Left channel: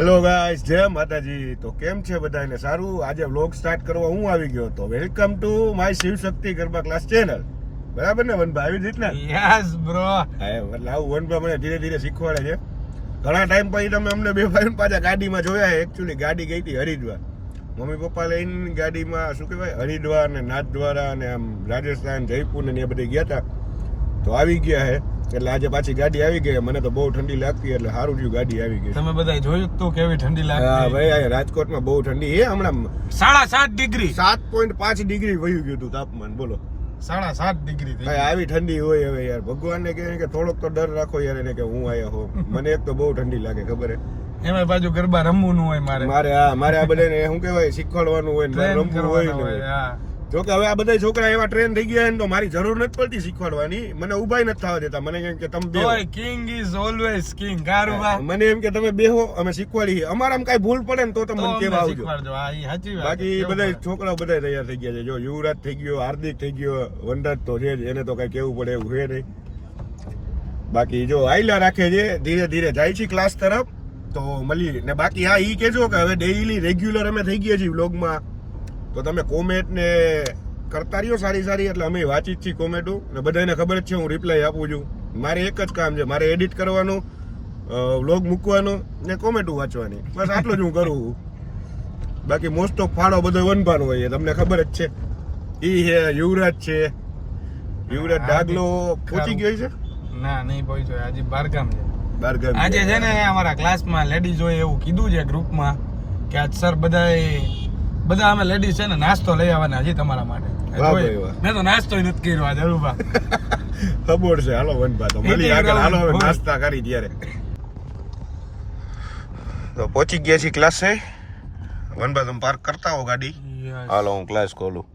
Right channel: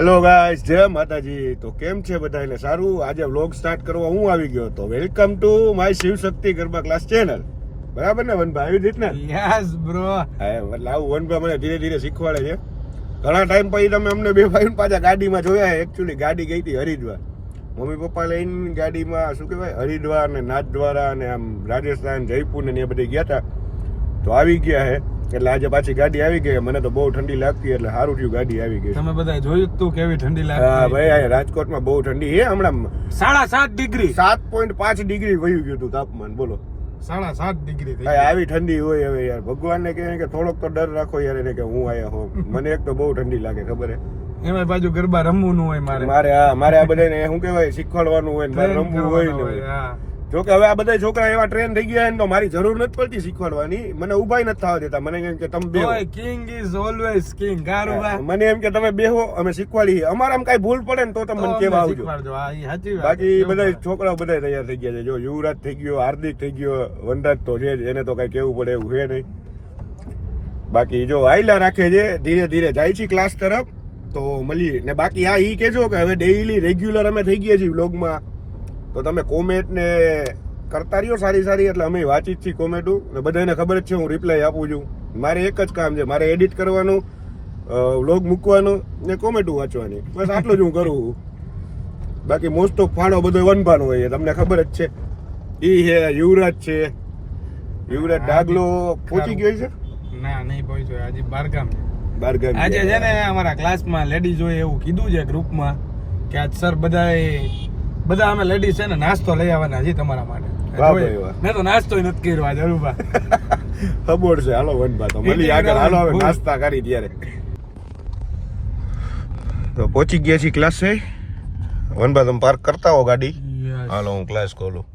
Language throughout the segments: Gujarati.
હેલો ગાઈસ, જય માતાજી. તો કેમ છે બધાને? સારું. આજે વ્લોગ સ્ટાર્ટ કરવા હું આવી ગયો તો welcome to my Shiv Shakti garba class channel. બરાબર ને વનભાઈ? આવી રીતના યસ બ્રો. એટલે આવું વનભાઈ મને ધીરે ધીરે શીખવાડે છે. ઘણા ટાઈમ પછી તમે અમને બે ભાઈ પાછા ગાડીમાં જોયા. એકચ્યુઅલી ગાડી ગઈ હતી હરિદ્વાર. મમ્મી પપ્પા લઈને ગાડીમાં શું કહેવાય હરિદ્વાર ને નાથદ્વારા ને આમ રાજસ્થાન જયપુર ને એ બધે ગયા હતા. તો આવી ગયા હે એટલે આજે પાછી ગાડી આવી ગઈ. મને તો બહુ ઠંડી લાગતી એટલે સારું થયું ગાડી આવી ગઈ. તમે બધા જોયું તું કેવી ઠંડી લાગતી? હા ભાઈ, રાજકોટમાં બહુ ઠંડી છે હમણાં. 7.5 ડિગ્રી 7.5 ડિગ્રી વયું ગયું હતું તાપમાન. બોલો 7.5 ડિગ્રી થઈ આવી ઠંડી હોય. હવે યાર ભગવાનને કહે કે થોડોક તો ડર રાખો યાર એને કે હું આયા હો. મને એક તો બહુ ઠંડી લાગે ખબર હે. એમાં બાજુ ગરબા રમવું હોય મારે આ બધાને શું કહેવાય શીખવાડવાનું હોય ને રમવું હોય ને. જો કે હવે આ બધા છોકરા એવા ટ્રેન થઈ ગયા તો મારી જરૂર નથી પડતી શીખવાડવાની. મને ઉભાઈ નથી થવા દેતા. મને એમ કે તમે બેહો. King is always king. મને એમ કે તમે બેહો, અમે શીખવાડીએ. અમારામાં કઈ ભૂલ પડે ને તો તમે મને કેવા આવજો. બાકી બધા છોકરાઓ બધા તૈયાર થઈ ગયા છે. જો યુવરાજ થઈ ગયો, હાર્દિક થઈ ગયો, વનરાજ તો છે જ. એને તો કઈ કેવું પડે એવું છે નહીં. બાકી જો આયલા રાખે છે, ધીરે ધીરે જાય છે ક્લાસ તરફ. તો મળીએ ને. બાકી હા ઈ કેજો કે હવે ડેઈલી રેગ્યુલર અમે થઈ ગયા છીએ વ્લોગમાં. તો તમે કોમેન્ટ ને કરતા રહ્યો સારી સારી. એટલે અમે વાંચી જ છીએ કોમેન્ટો ને બધાને ખબર જ છે હું રિપ્લાય આપું છું. મારે એક જ કામ છે, મારે એડિટ કરવાનું, વ્લોગ મૂકવાનું ને કોમેન્ટો વાંચવાની. બસ આટલું જ હું કરું. બાકી મોસ્ટ ઓફ ફાળો બધો વનભાનો હોય, તમને ખબર જ છે. ઈ છે યુવરાજ છે. યુવરાજ ડાગલો પહોંચી ગયો છે? ના નહીં પહોંચ્યો, હજી બારગામ. આજે બારગામ છે ને અમારા ક્લાસમાં લેડીઝ હોય એવું કીધું છે ગ્રુપમાં કે આજ સર બધા અમે લેડીઝ છે ને નાસ્તો લઈ આવવાના છે તમારા માટે. મેં તો નાસ્તો નથી કર્યો આજે. અરુભા ખબર છે. હાલો વનભા તો મળી આગળ. હાલો હવે નાસ્તા કરી ત્યારે. તો પહોંચી ગયા છીએ ક્લાસે. વનભા તમે પાર્ક કરતા હો ગાડી. હાલો હું ક્લાસ ખોલું.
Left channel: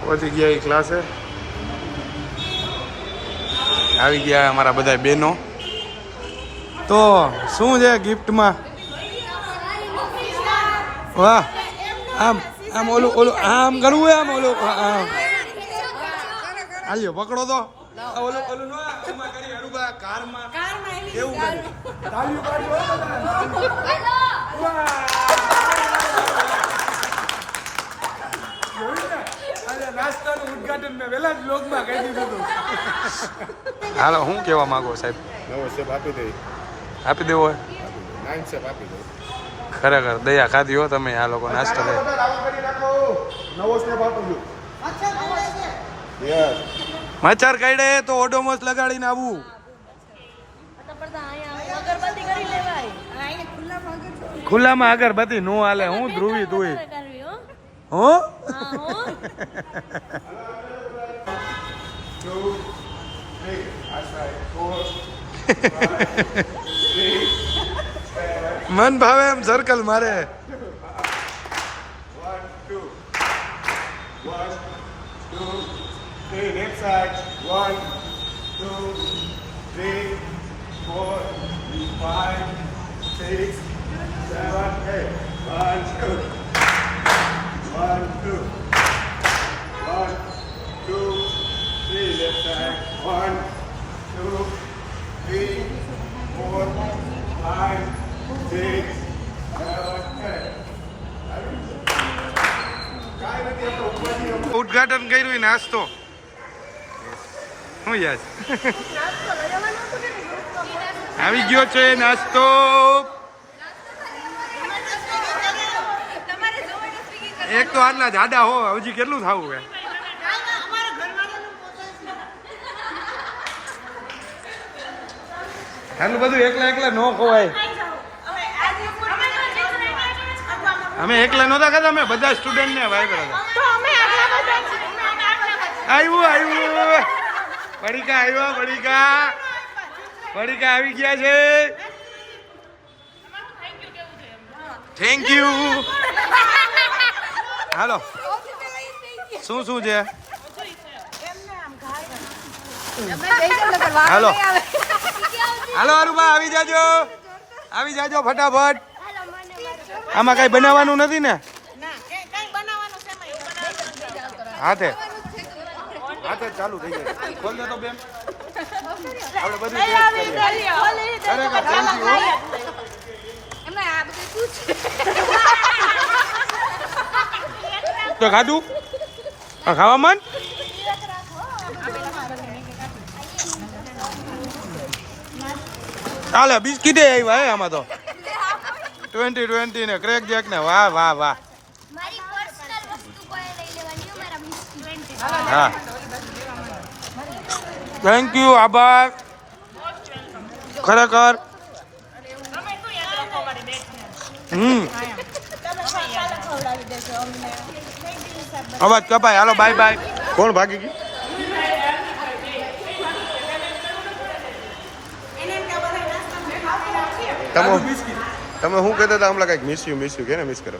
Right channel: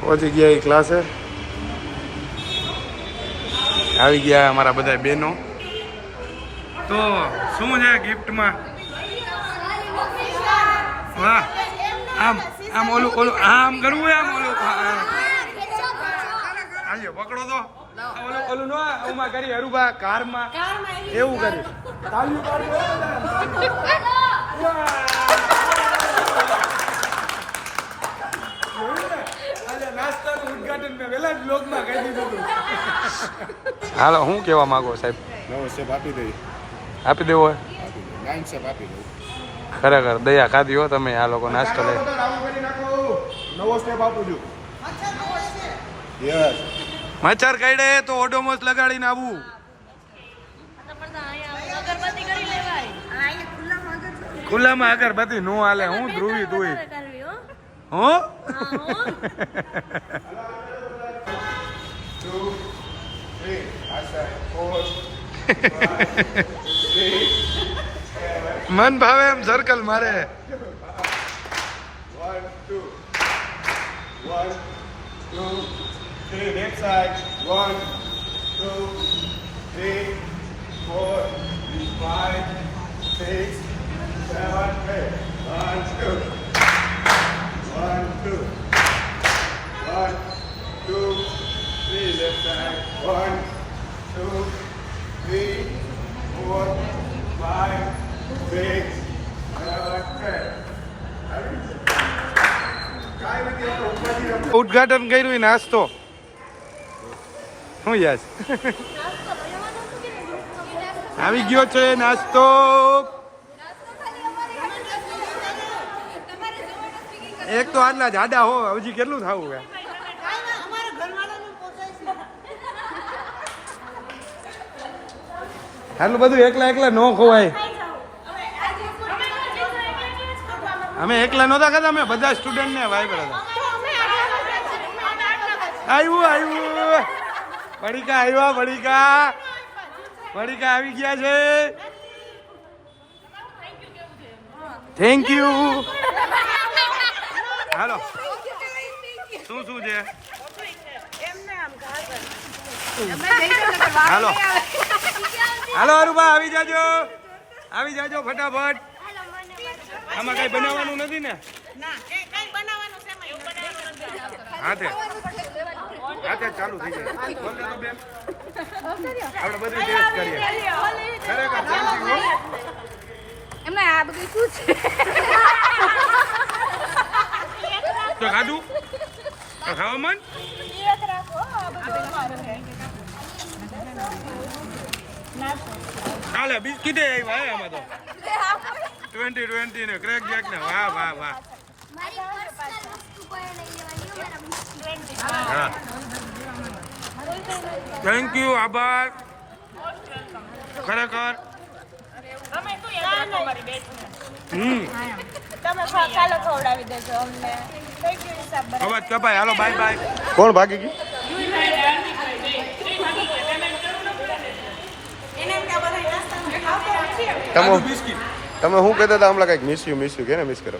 પહોંચી ગયા ક્લાસે. આવી ગયા અમારા બધા બહેનો. તો શું છે ગિફ્ટમાં? વાહ, આમ ઓલું આમ કરવું આમ ઓલું આયો પકડો તો ઓલું નો ઓમાં કરી હરુભા કારમાં એવું કરી તાળીઓ પાડજો બધા. નાસ્તાનું ઉદ્ઘાટન મેં વેલા જ બ્લોગમાં કહી દીધું હતું. હાલો હું કહેવા માંગો સાહેબ? નવો સ્ટેપ આપી દઈ. આપી દેવો હોય? આપી દો. 9 સ્ટેપ આપી દો. ખરેખર દયા ખાધી હો તમે. આ લોકો નાસ્તો લે. નવો સ્ટેપ આપું છું. યસ. મચ્છર કાઢે તો ઓડોમોસ લગાડીને આવવું. ખુલ્લામાં અગરબત્તી નો હાલે. હું ધ્રુવી તું હો. મન ભાવે એમ સર્કલ મારે. 1 2 1 2 3 લેફ્ટ સાઈડ. 1 2 3 4 5 6 7 8 1 2 1 2 1 2 3 left side. 1 2 3 4 5 6 ઉદ્ઘાટન કર્યું નાસ્તો. શું યાદ આવી ગયો છે નાસ્તો. એક તો આટલા જાડા હો, હજી કેટલું થવું હે? આટલું બધું એકલા નો ખોવાય. અમે એકલા નહોતા ખાતા, અમે બધા સ્ટુડન્ટ ને વાય હતા. આવ્યું પડીકા આવ્યા. પડીકા આવી ગયા છે. Thank you. હાલો શું છે? હાલો અરુભા આવી જાજો ફટાફટ. આમાં કઈ બનાવવાનું નથી ને? હાથે ચાલુ થઈ ગયું. બોલ દે તો બેન. આપણે બધી ટેસ્ટ કરીએ. ખરેખર થેન્ક યુ. તો ખાધું આ ખાવા મન ચાલે બિસ્કીટ આવ્યા હે આમાં તો 20 ને ક્રેક જેક ને વાહ વાહ વાહ હા થેન્ક યુ આભાર ખરેખર અવાજ કપાય હાલો બાય બાય કોણ ભાગી ગયું તમે શું કહેતા હતા હમણાં કઈક મિસ યુ કે ને મિસ કરો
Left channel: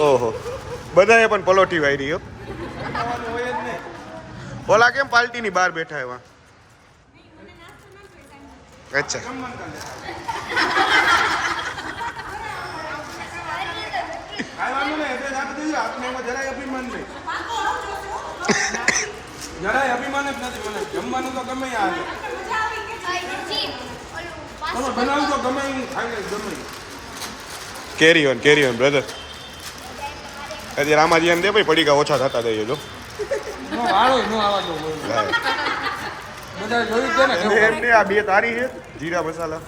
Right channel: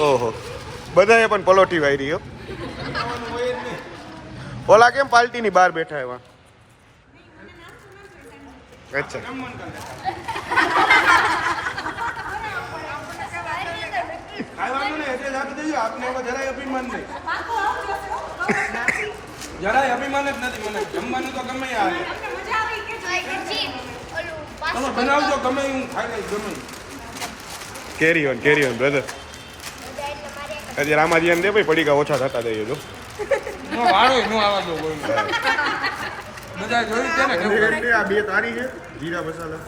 ઓહો બધાએ પણ પલોટી વાયરી હો ઓલા કેમ પાર્ટી ની બહાર બેઠા એવા અચ્છા જરાય અભિમાન જ નથી મને જમવાનું તો ગમે આવે તમે બનાવજો ગમે હું ખાઈ લઈશ ગમે કેરી ઓન બ્રધર હજી રામાજી દે ભાઈ પડીકા ઓછા થતા દઈએ જો વાળો નો આવા દો બધા જોયું છે ને એમને આ બે તારી છે જીરા મસાલા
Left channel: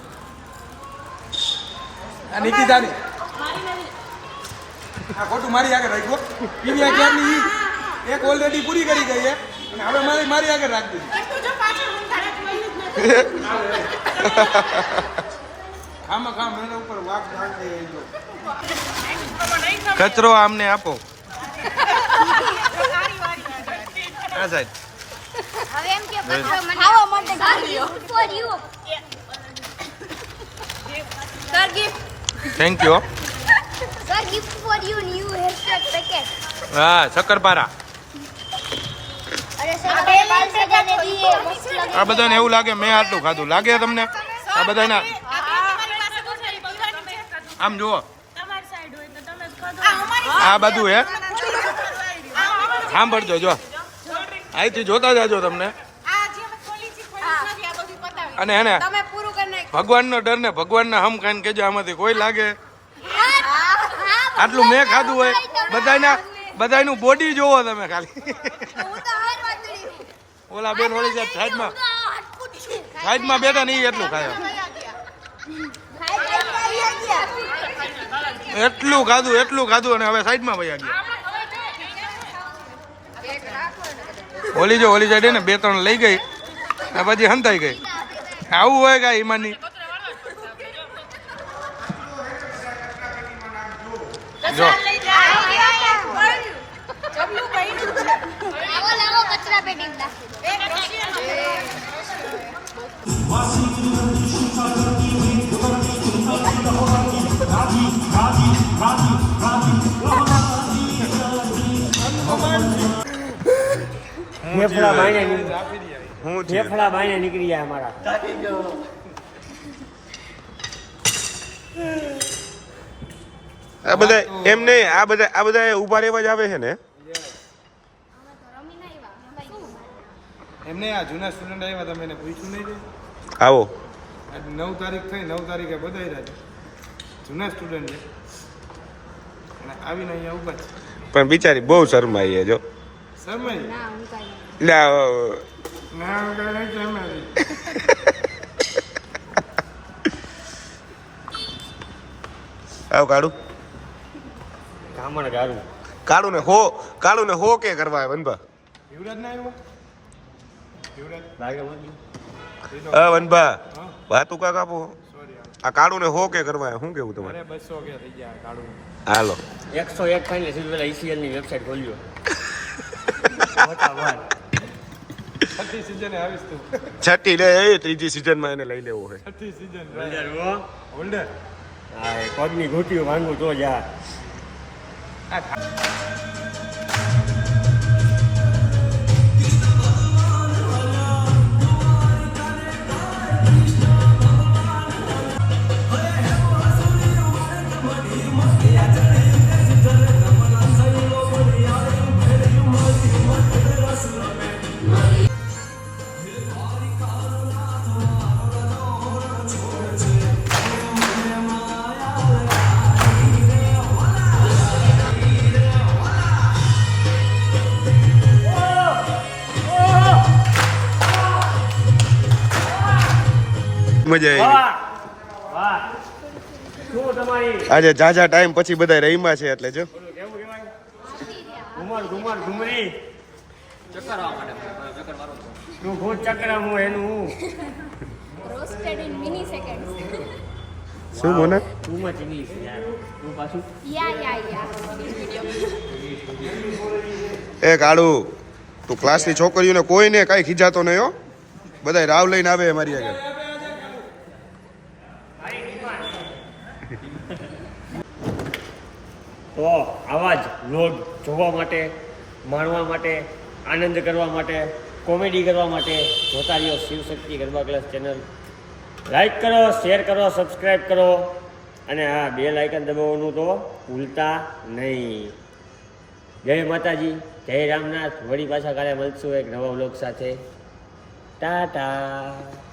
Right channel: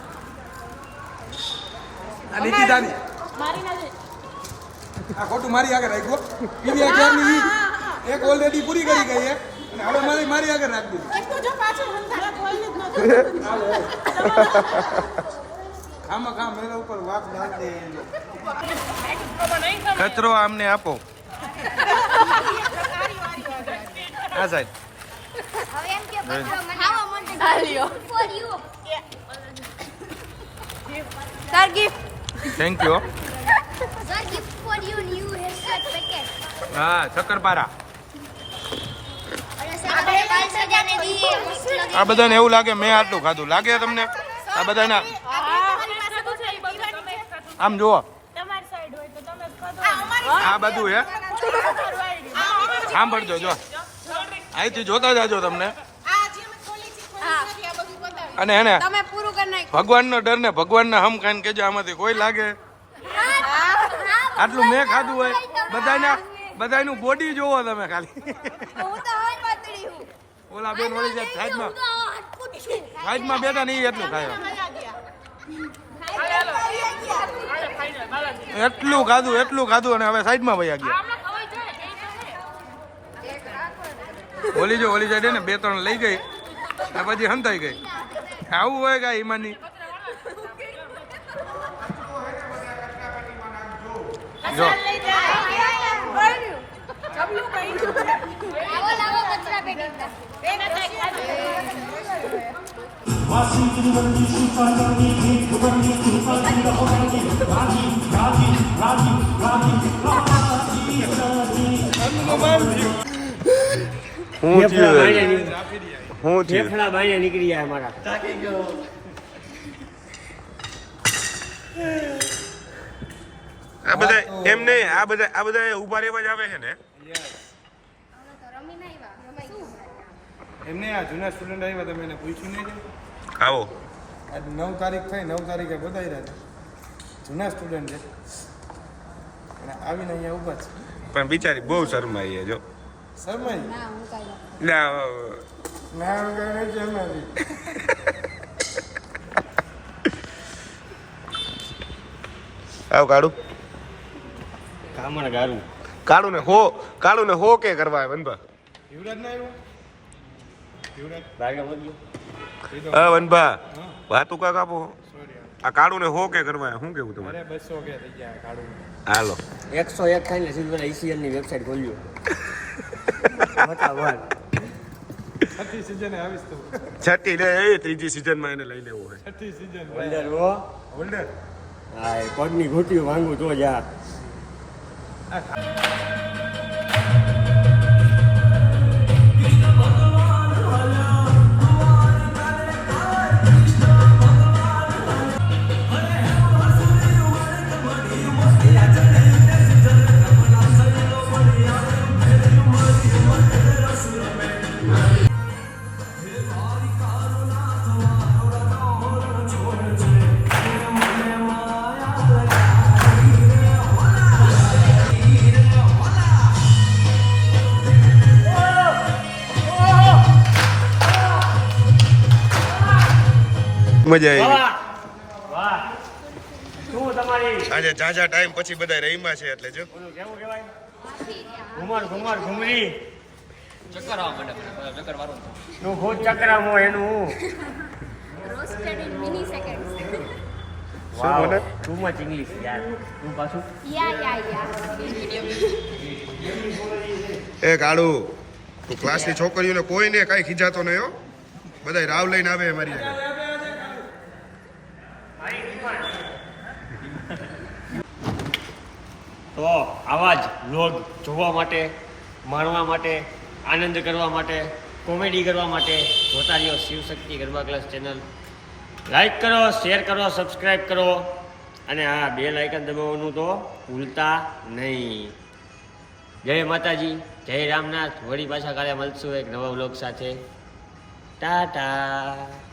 આ નીકી દાની આ ખોટું મારી આગળ રાખ્યો પીરિયા ક્યારની એક ઓલરેડી પૂરી કરી ગઈ છે અને હવે મારી આગળ રાખી દીધી એટલું જો પાછળ ઊંઘાડા કોઈ ખામ મેરા ઉપર વાક ડાલ દે કચરો આમને આપો આ સાઈડ થેન્ક યુ હા શક્કરપારા આ બધાને એવું લાગે મેં આટલું ખાધું લાગે તમને આ બધાને આમ જુઓ આ બધું હે સાંભળજો જો અહીંથી જોતા જાજો તમને અને એને ભગવાનનો ડર ને ભગવાનના હમ ખાઈને કેજો આમાંથી કોઈ લાગે આટલું મેં ખાધું હોય બધાનું બોડી જોવો તમે ખાલી ઓલા બેન ઓલી સાઈડમાં બેઠા નહીં એટલું ખાયો એટલું ખાધું અને હવે સાઈડમાં વયા ગયા ઓલી સાઈડ ને 2-3 લઈ ગઈ આ પછી હંતાઈ ગઈ આવું હોય કે ઈમાની જો ફેફડા બાઈને નીકળી જાય અમારા આ બધા એમ નહીં આ બધા ઉભા રહેવા જ આવે છે ને એમને આ જૂના સ્ટુડન્ટ આવ્યા તમે એને પૂછ્યું નહીં કે આવો આજ 9 તારીખ થઈ 9 તારીખે બધાઈ રહ્યા જૂના સ્ટુડન્ટ છે અને આવીને અહીંયા ઊભા છે પણ બિચારી બહુ શરમાઈ જો શરમાઈ ના આવ કાળું ને હો કે કરવા વનભા યુવરાજ ના આવ્યો વનભા વાતું કાક આપો આ કાળું ને હો કે કરવા શું કેવું તમારે 200 કે થઈ ગયા કાળું હાલો 101 ખાઈને સીધું પેલા ઈસીએલ ની વેબસાઈટ ખોલ્યો છઠ્ઠી લે ત્રીજી સિઝન માં એને લઈ લેવો હોય છઠ્ઠી સિઝન હોલ્ડર હા પગની ઘૂંટીઓ માંગું તો જા મજા આવી વાહ શું તમારી આજે ઝાઝા ટાઈમ પછી બધા રહીમાં છે એટલે જો કેવું કહેવાય ઘુમરી ચક્કર આવવા માંડે ચક્કર વાળો નું ભૂત ચક્રામો એનું roasted in milliseconds. શું બોલો ટુ મચ ઇંગ્લિશ યાર તું પાછું Yeah. એ કાળુ તું ક્લાસની છોકરીઓને કોઈને કાંઈ ખીજાતો નહીં હો બધા રાવ લઈને આવે મારી આગળ તો આવા જ વ્લોગ જોવા માટે માણવા માટે આનંદ કરવા માટે કોમેડી કરવા માટે જોતા રહ્યો Shivshakti garba class channel like કરો શેર કરો સબસ્ક્રાઈબ કરો અને હા બેલ આઇકન દબાવવાનું તો ભૂલતા નહીં જય માતાજી જય રામનાથ વળી પાછા કાલે મળશું એક નવા વ્લોગ સાથે ટાટા